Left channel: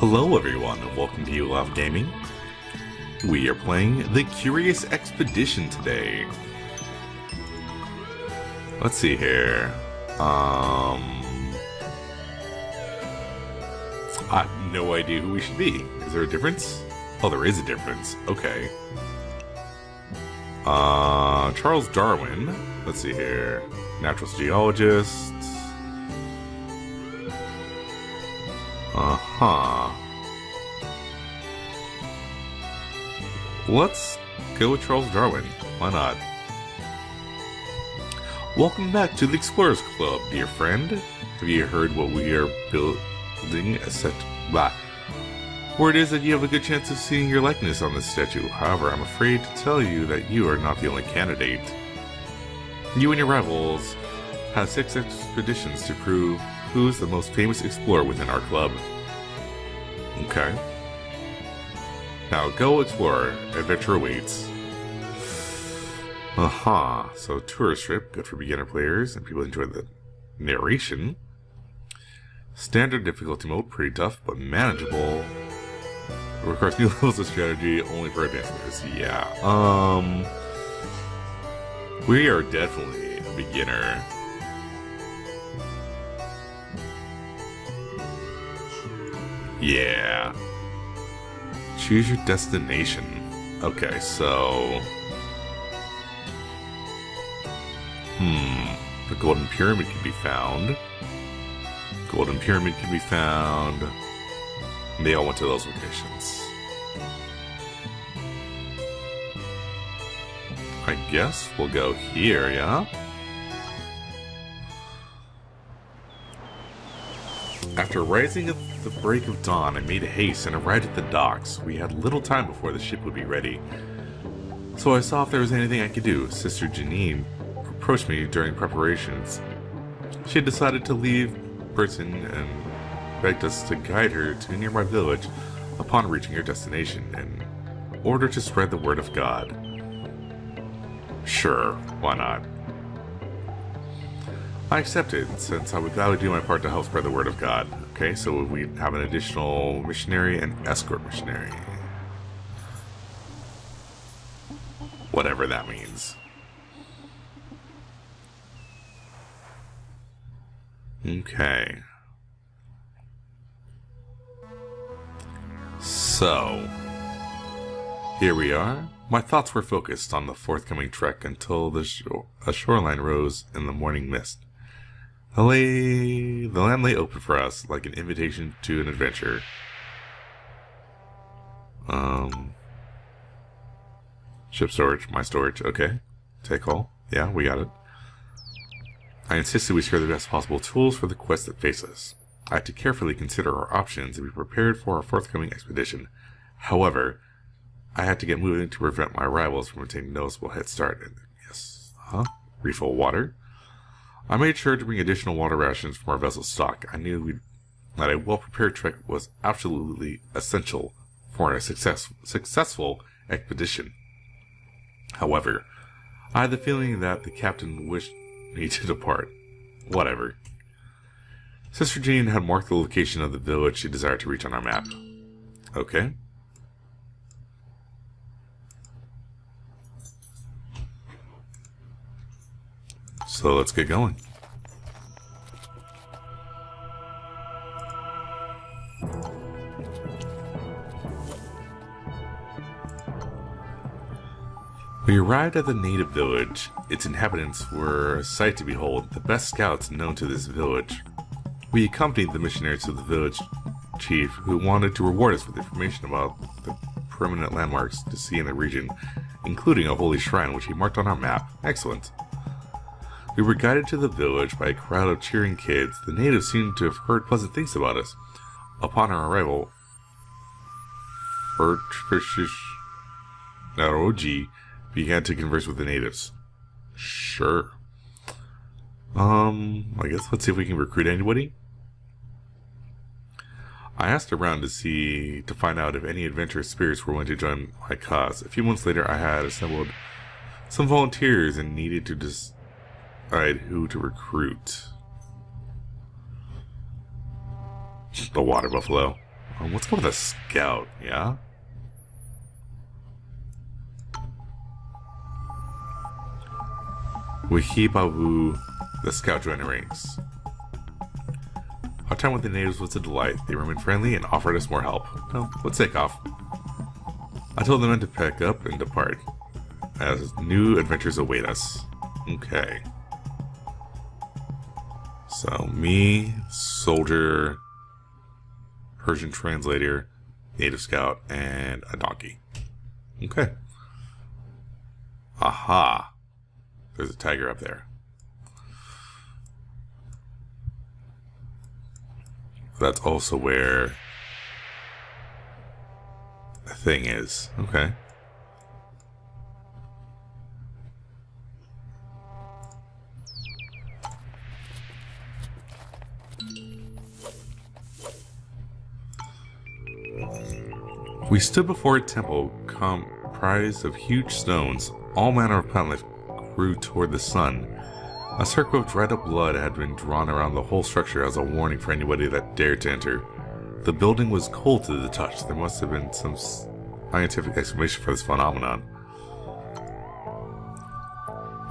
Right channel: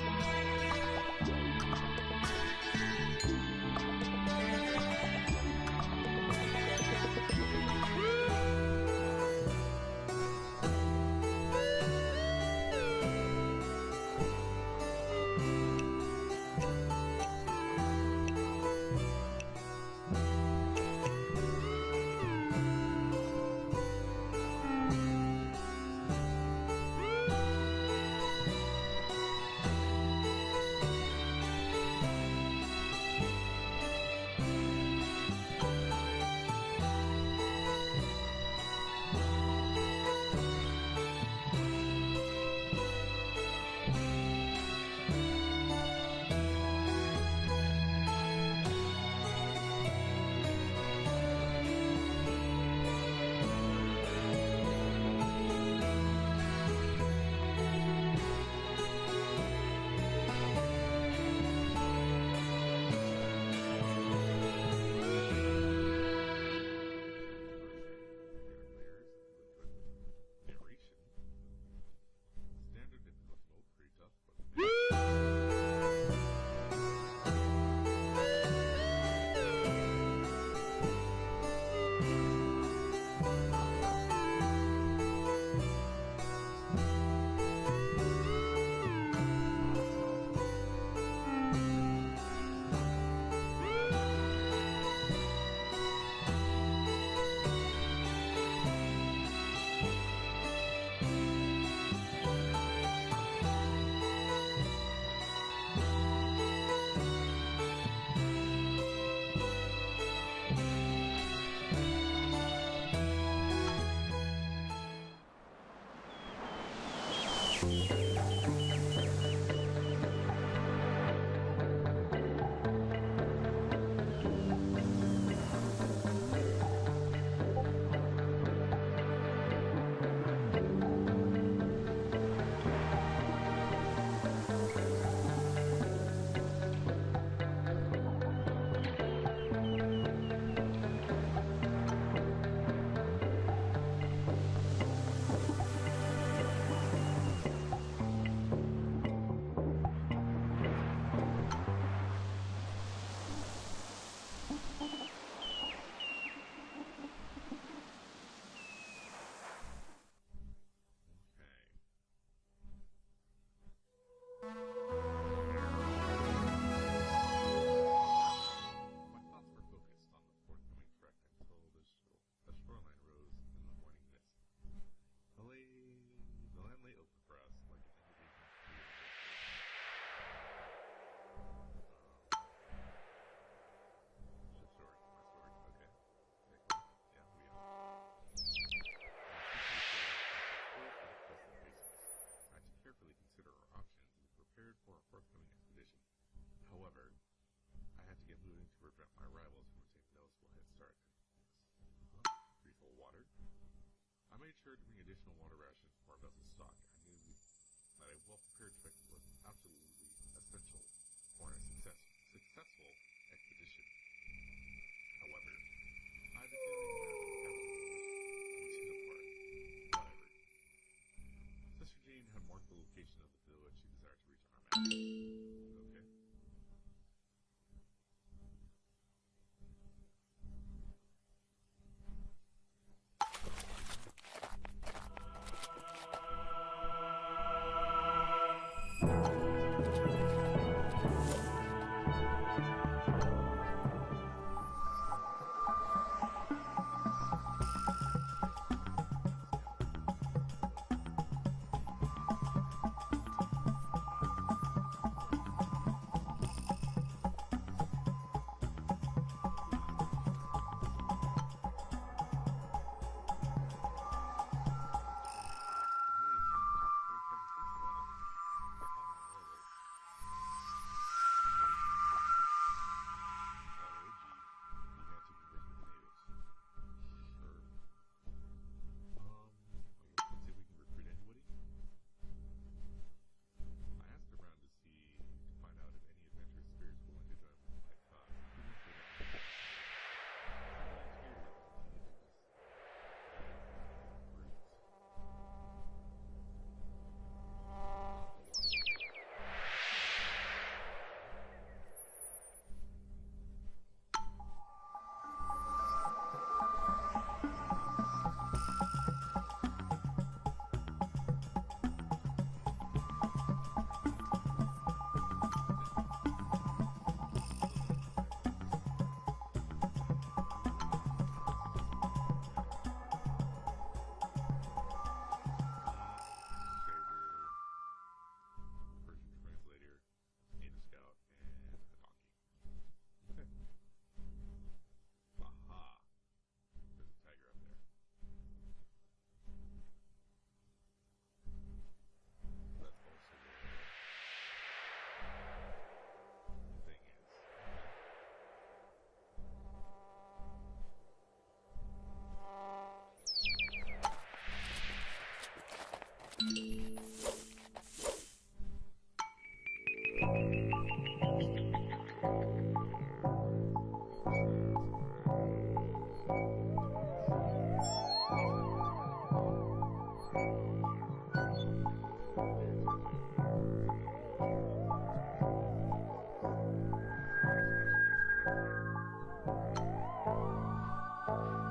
Hello everyone, and welcome to You Love Gaming. We are playing The Curious Expedition today. Let's see here. I have no idea who we should be. Is there a difference? Oh, there is a difference. Okay. Charles Darwin. Let's see here. Natural geologist. Let's go with Charles Darwin. Why not? Welcome back to the Explorers Club, dear friend. Have you heard what we are building a set? Blah. Word is that you have a good chance of seeing your likeness on this statue. However, I'm afraid to tell you that you are not the only candidate. You and your rivals have 6 expeditions to prove who's the most famous explorer within our club. Okay. Now go explore. Adventure awaits. So tourist trip, good for beginner players and people who enjoy the narration. Standard difficulty mode, pretty tough but manageable. Requires new levels of strategy only for advanced players. Yeah. We are definitely a beginner. Yeah. Choose your destination. Okay, so... The Golden Pyramid can be found. Golden Pyramid can be found. They all went to those locations. I guess we'll go here, yeah? After rising at the break of dawn, I made haste and arrived at the docks. We had little time before the ship would be ready. So I saw if there was anything I could do. Sister Janine approached me during preparations. She had decided to leave Britain and begged us to guide her to a nearby village upon reaching her destination in order to spread the word of God. Sure, why not? I accepted, since I would gladly do my part to help spread the word of God. Okay, so we have an additional missionary and escort missionary. Whatever that means. Okay. So, here we are. My thoughts were focused on the forthcoming trek until a shoreline rose in the morning mist. The land lay open for us, like an invitation to an adventure. Ship storage, my storage, okay. Take all. Yeah, we got it. I insisted we secure the best possible tools for the quest that face us. I had to carefully consider our options and be prepared for our forthcoming expedition. However, I had to get moving to prevent my rivals from taking a noticeable head start. Yes. Refill water. I made sure to bring additional water rations from our vessel's stock. I knew that a well-prepared trek was absolutely essential for a successful expedition. However, I had the feeling that the captain wished me to depart. Whatever. Sister Jean had marked the location of the village she desired to reach on our map. Okay. So let's get going. We arrived at the native village. Its inhabitants were a sight to behold, the best scouts known to this village. We accompanied the missionaries to the village chief, who wanted to reward us with information about the permanent landmarks to see in the region, including a holy shrine which he marked on our map. Excellent. We were guided to the village by a crowd of cheering kids. The natives seemed to have heard pleasant things about us. Upon our arrival, Naroji began to converse with the natives. Sure. I guess let's see if we can recruit anybody. I asked around to find out if any adventurous spirits were willing to join my cause. A few months later, I had assembled some volunteers and needed to decide who to recruit. The water buffalo. What's called a scout, yeah? Wihibawu, the scout joined the ranks. Our time with the natives was a delight. They remained friendly and offered us more help. Well, let's take off. I told the men to pack up and depart, as new adventures await us. Okay. So, me, soldier, Persian translator, native scout, and a donkey. Okay. Aha. There's a tiger up there. That's also where the thing is. Okay. We stood before a temple comprised of huge stones. All manner of plant life grew toward the sun. A circle of dried up blood had been drawn around the whole structure as a warning for anybody that dared to enter. The building was cold to the touch. There must have been some scientific explanation for this phenomenon.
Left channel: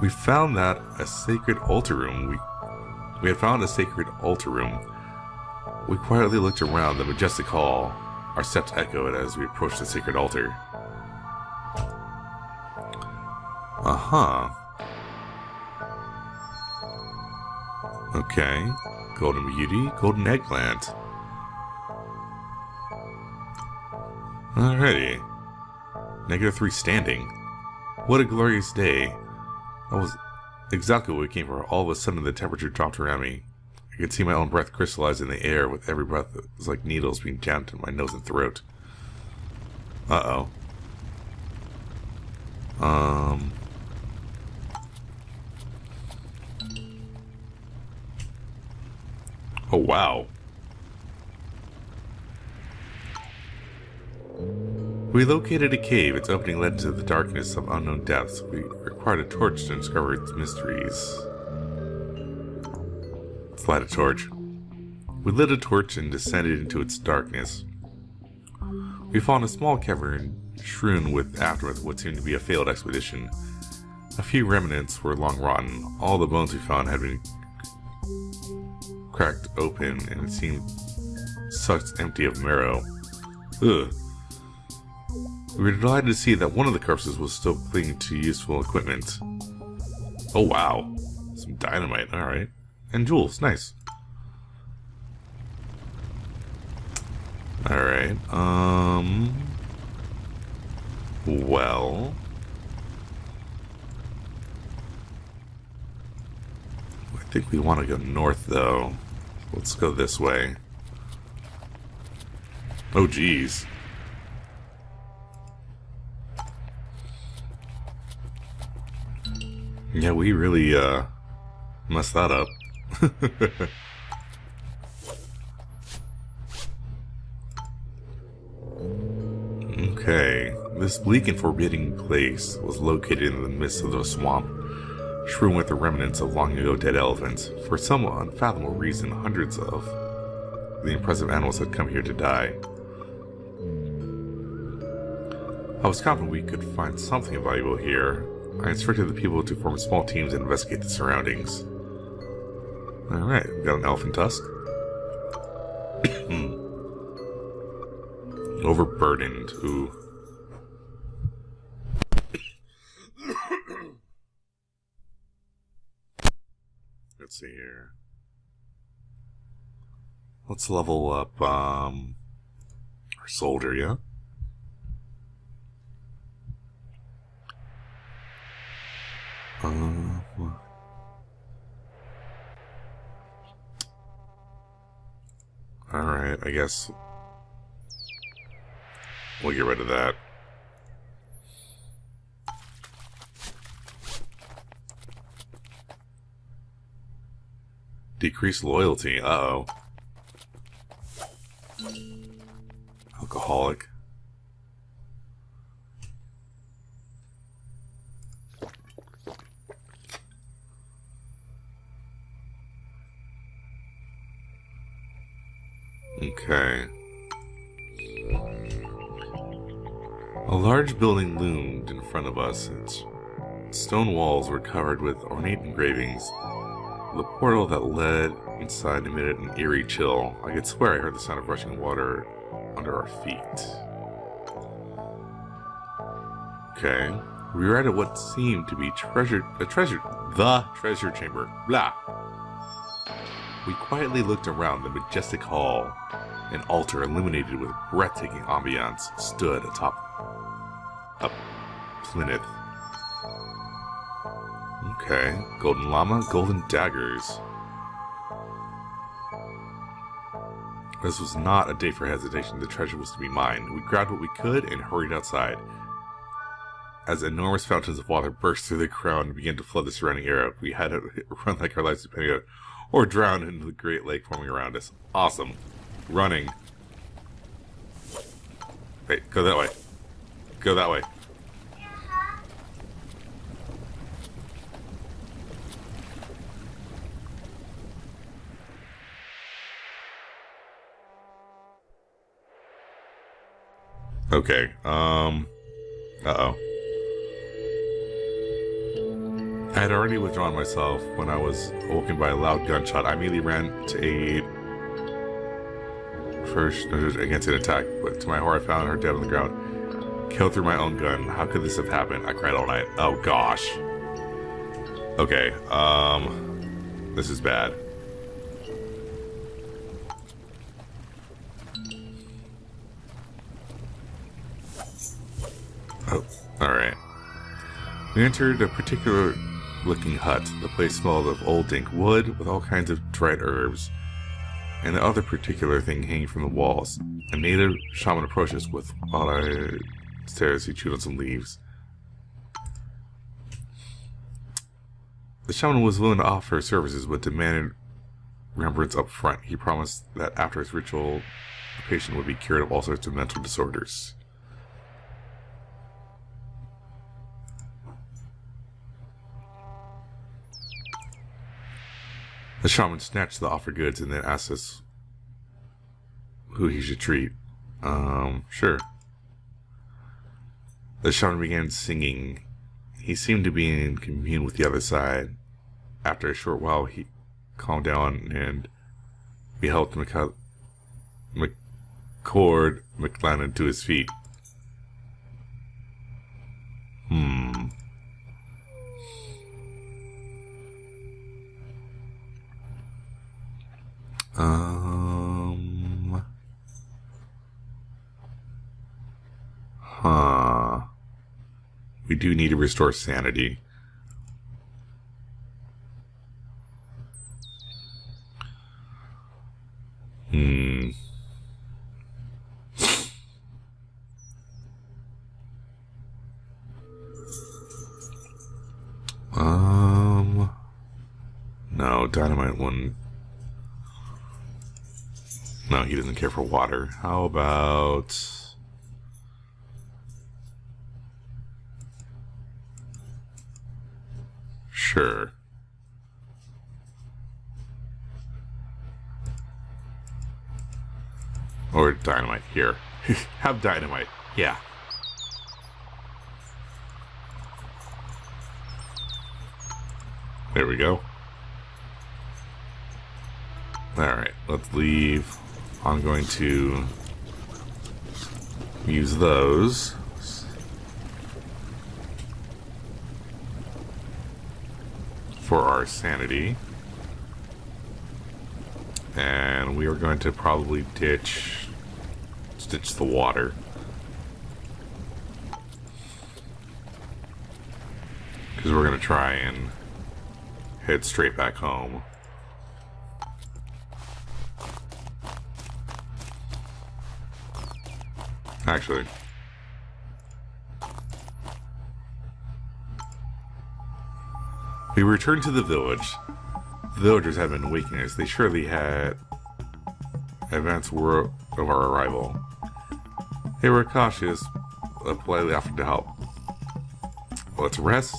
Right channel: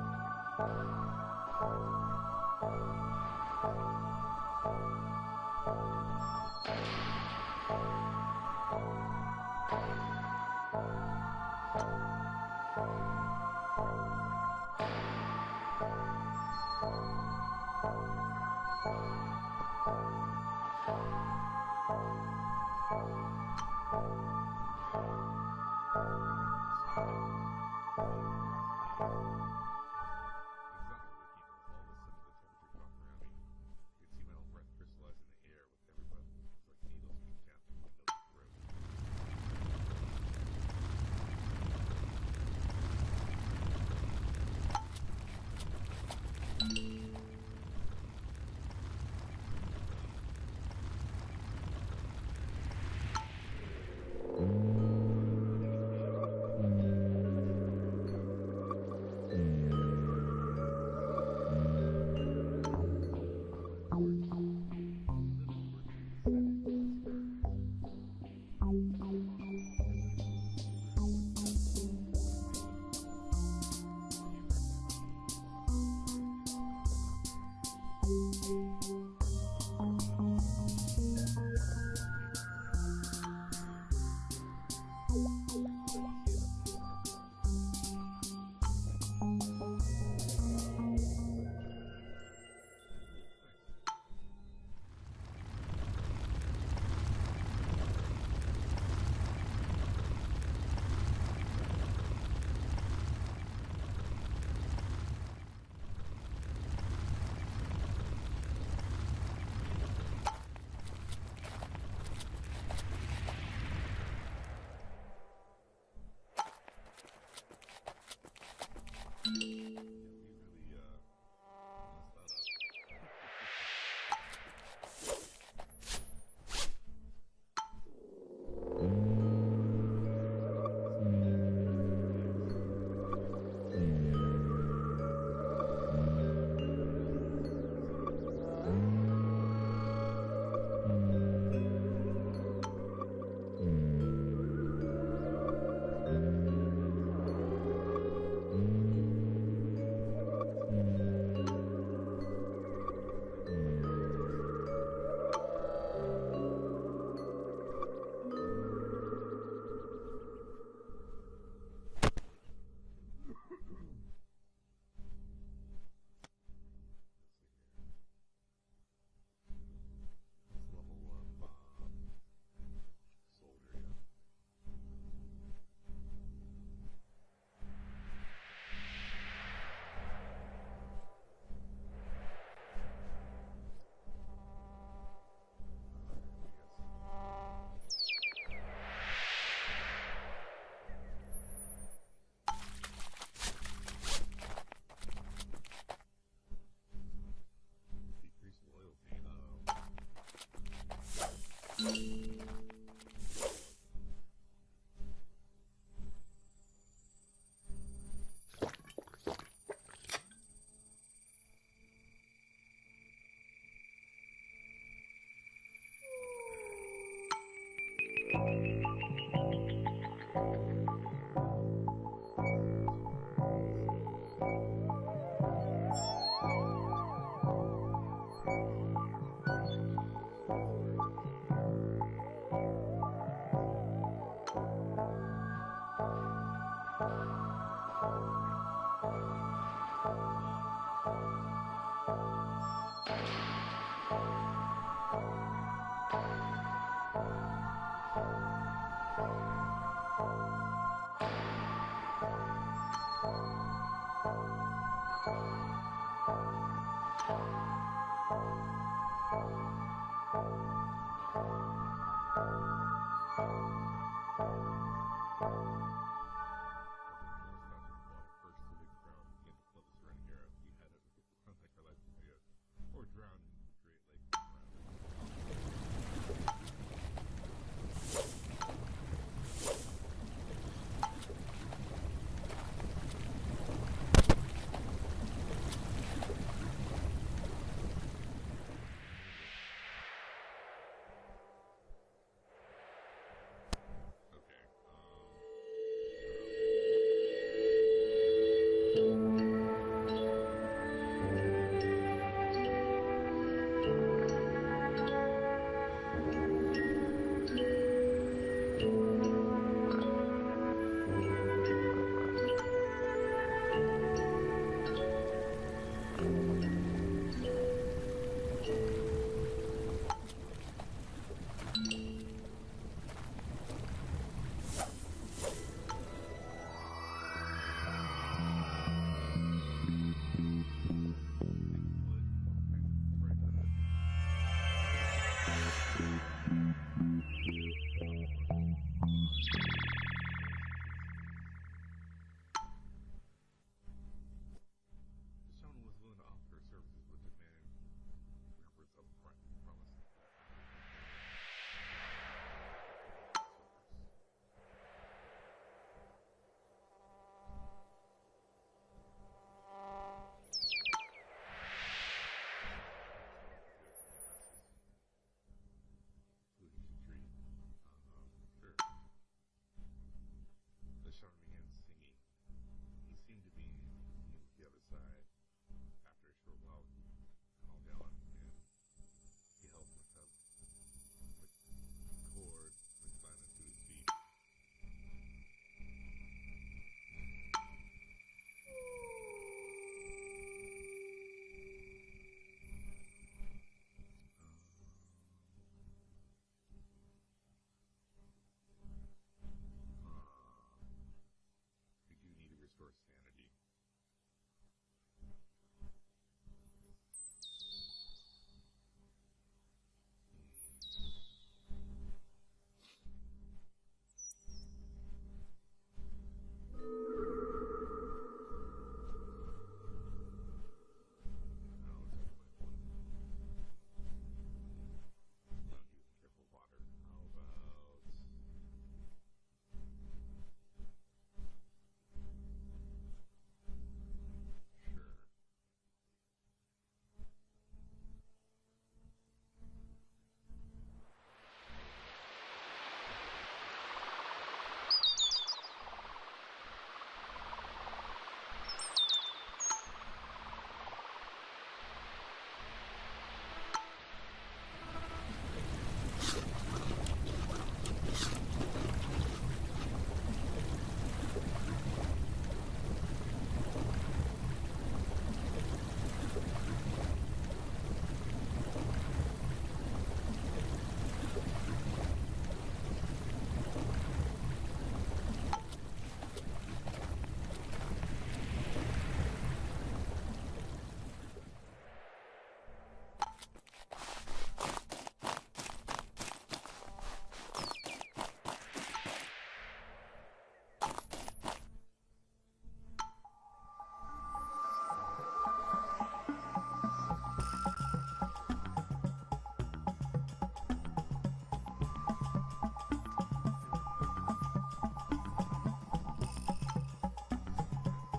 We found that a sacred altar room. We had found a sacred altar room. We quietly looked around the majestic hall. Our steps echoed as we approached the sacred altar. Okay. Golden beauty, golden eggplant. Alrighty. -3 standing. What a glorious day. That was exactly what we came for. All of a sudden the temperature dropped around me. I could see my own breath crystallize in the air with every breath. It was like needles being jammed in my nose and throat. Uh-oh. Oh, wow. We located a cave. Its opening led into the darkness of unknown depths. We required a torch to discover its mysteries. Let's light a torch. We lit a torch and descended into its darkness. We found a small cavern strewn with aftermath of what seemed to be a failed expedition. A few remnants were long rotten. All the bones we found had been cracked open and it seemed sucked empty of marrow. Ugh. We were delighted to see that one of the corpses was still clinging to useful equipment. Oh wow. Some dynamite, alright. And jewels, nice. Alright, well... I think we want to go north, though. Let's go this way. Oh, geez. Yeah, we really, messed that up. Okay, this bleak and forbidding place was located in the midst of the swamp, strewn with the remnants of long-ago dead elephants. For some unfathomable reason, hundreds of the impressive animals had come here to die. I was confident we could find something valuable here. I instructed the people to form small teams and investigate the surroundings. Alright, we got an elephant tusk. Overburdened. Ooh. Let's see here. Let's level up our soldier, yeah? Alright, I guess we'll get rid of that. Decrease loyalty, uh-oh. Alcoholic. Okay. A large building loomed in front of us. Its stone walls were covered with ornate engravings. The portal that led inside emitted an eerie chill. I could swear I heard the sound of rushing water under our feet. Okay. We were at what seemed to be the treasure chamber. Blah. We quietly looked around the majestic hall. An altar illuminated with breathtaking ambiance stood atop a plinth. Okay. Golden llama, golden daggers. This was not a day for hesitation. The treasure was to be mine. We grabbed what we could and hurried outside. As enormous fountains of water burst through the ground and began to flood the surrounding area, we had to run like our lives depended on it, or drown into the great lake forming around us. Awesome. Running. Hey, go that way. Go that way. Okay, uh-oh. I had already withdrawn myself when I was awoken by a loud gunshot. I immediately ran to aid first against an attack, but to my horror I found her dead on the ground. Killed through my own gun. How could this have happened? I cried all night. Oh gosh. Okay, this is bad. Oh, alright. We entered a particular looking hut. The place smelled of old dank wood with all kinds of dried herbs, and the other particular thing hanging from the walls. A native shaman approached us with while I stared as he chewed on some leaves. The shaman was willing to offer services, but demanded remembrance up front. He promised that after his ritual, the patient would be cured of all sorts of mental disorders. The shaman snatched the offered goods and then asked us who he should treat. Sure. The shaman began singing. He seemed to be in commune with the other side. After a short while, he calmed down and we helped McCord McLennan to his feet. We do need to restore sanity. No, Dynamite wouldn't. No, he doesn't care for water. How about... Sure. Or Dynamite. Here. Have Dynamite. Yeah. There we go. Alright, let's leave. I'm going to use those. For our sanity. And we are going to probably ditch the water. Because we're going to try and head straight back home. Actually, we returned to the village. The villagers had been waking us. They surely had advanced word of our arrival. They were cautious, but politely offered to help. Let's rest.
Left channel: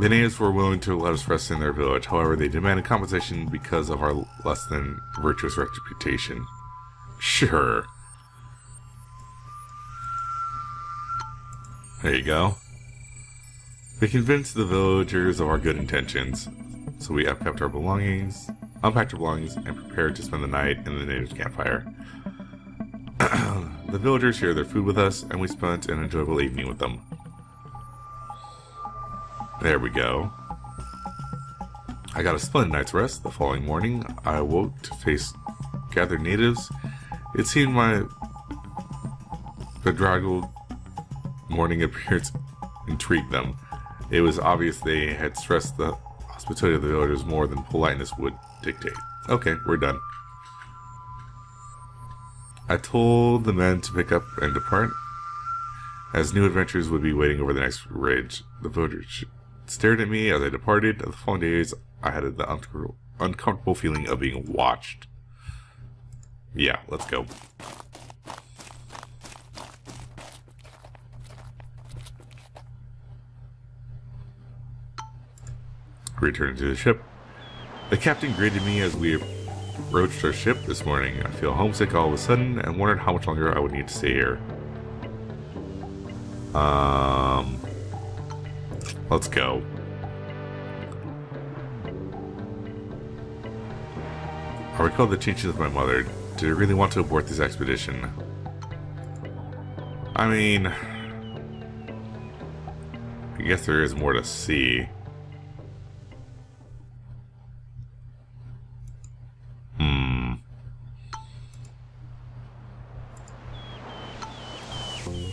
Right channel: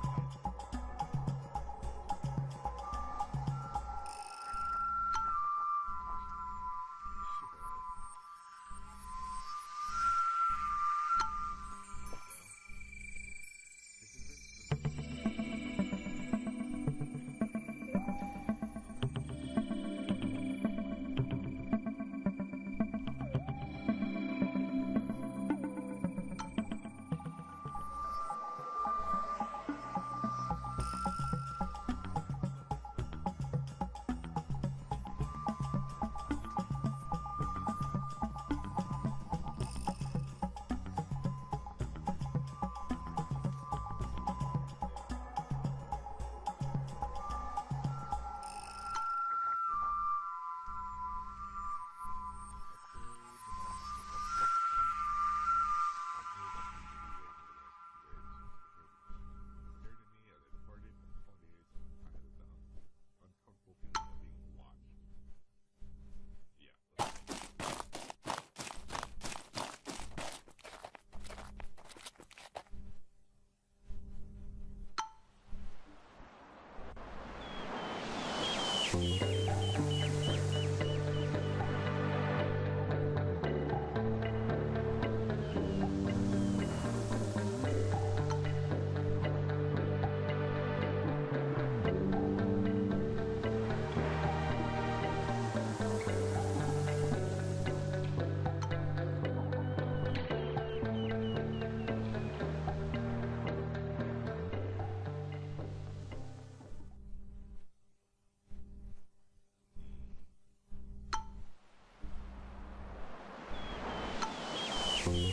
The natives were willing to let us rest in their village. However, they demanded compensation because of our less than virtuous reputation. Sure. There you go. We convinced the villagers of our good intentions, so we unpacked our belongings, and prepared to spend the night in the natives' campfire. The villagers shared their food with us, and we spent an enjoyable evening with them. There we go. I got a splendid night's rest. The following morning, I awoke to face gathered natives. It seemed my bedraggled morning appearance intrigued them. It was obvious they had stressed the hospitality of the villagers more than politeness would dictate. Okay, we're done. I told the men to pick up and depart, as new adventures would be waiting over the next ridge. The villagers stared at me as I departed. The following days, I had the uncomfortable feeling of being watched. Yeah, let's go. Returned to the ship. The captain greeted me as we approached our ship this morning. I feel homesick all of a sudden and wondered how much longer I would need to stay here. Let's go. I recall the teachings of my mother. Did I really want to abort this expedition? I mean, I guess there is more to see.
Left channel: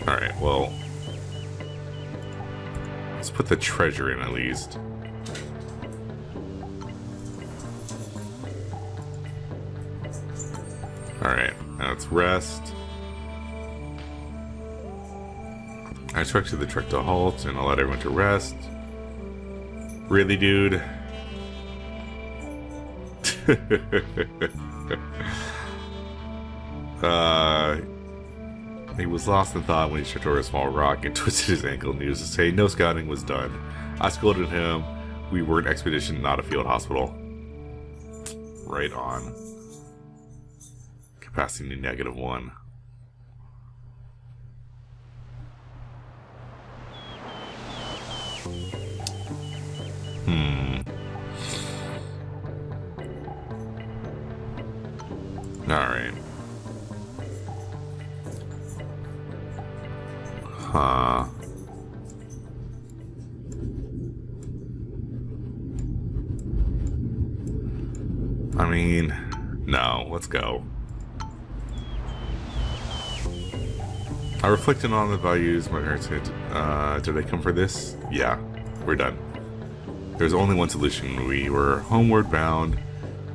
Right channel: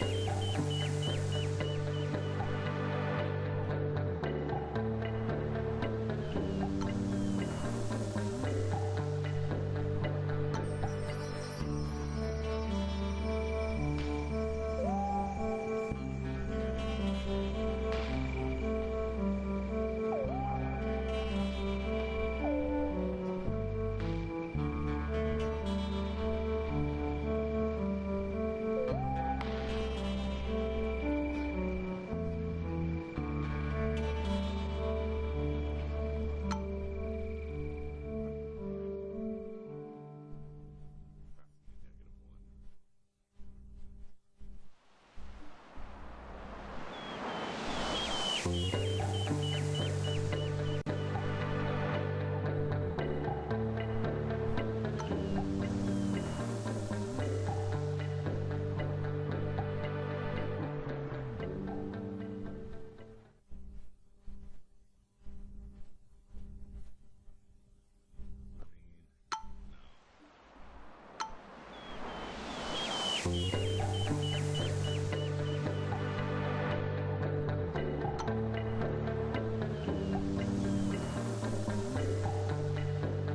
Alright, well, let's put the treasure in at least. Alright, now let's rest. I instructed the truck to halt and allowed everyone to rest. Really, dude? He was lost in thought when he tripped over a small rock and twisted his ankle. Needless to say, no scouting was done. I scolded him. We were an expedition, not a field hospital. Right on. Capacity -1. Alright. Huh. I mean, no, let's go. I reflected on the values my parents had. Did I come for this? Yeah, we're done. There's only one solution. We were homeward bound,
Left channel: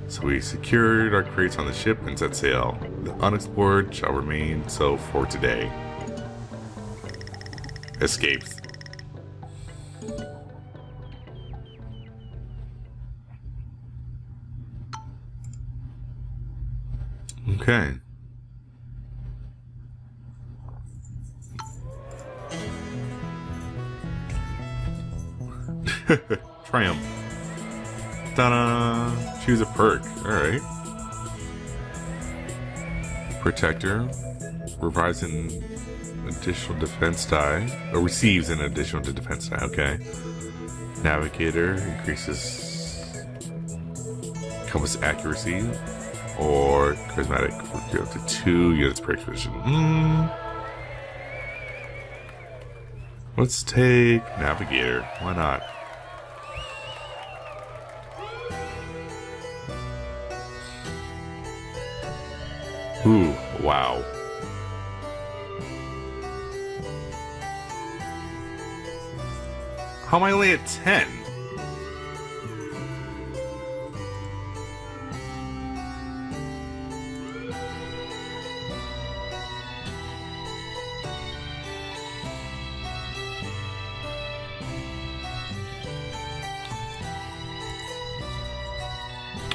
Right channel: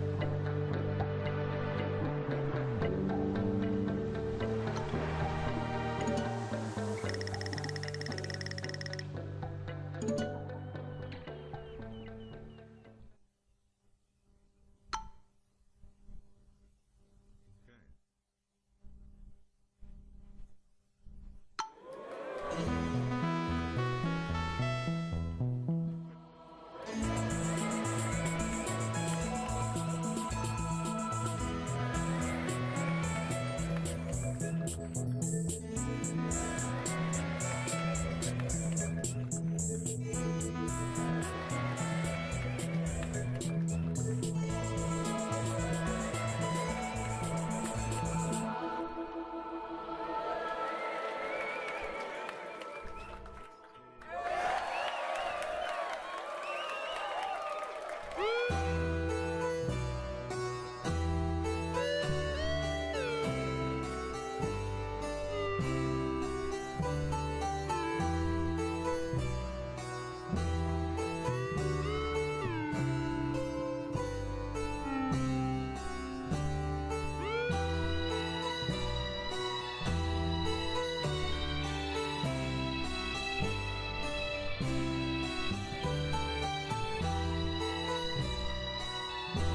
so we secured our crates on the ship and set sail. The unexplored shall remain so for today. Escaped. Okay. Triumph. Ta-da! Choose a perk. Alright. Protector. Provides an additional defense die. Or receives an additional defense die. Okay. Navigator. Increases compass accuracy. Or charismatic. Go up to 2 units per expedition. Let's take Navigator. Why not? Ooh, wow. How am I only at 10?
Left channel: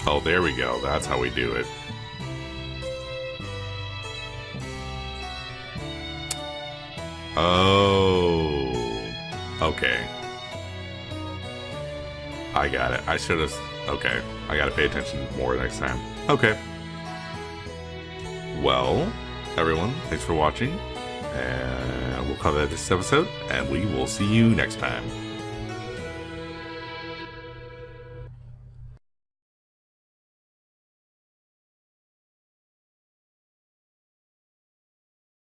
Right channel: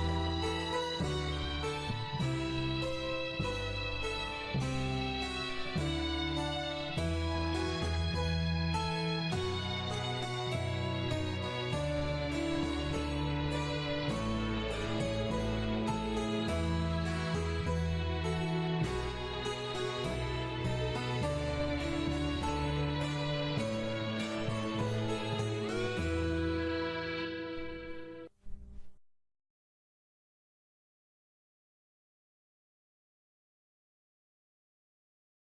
Oh, there we go. That's how we do it. Oh, okay. I got it. I should have. Okay, I gotta pay attention more next time. Okay. Well, everyone, thanks for watching, and we'll of this episode, and we will see you next time.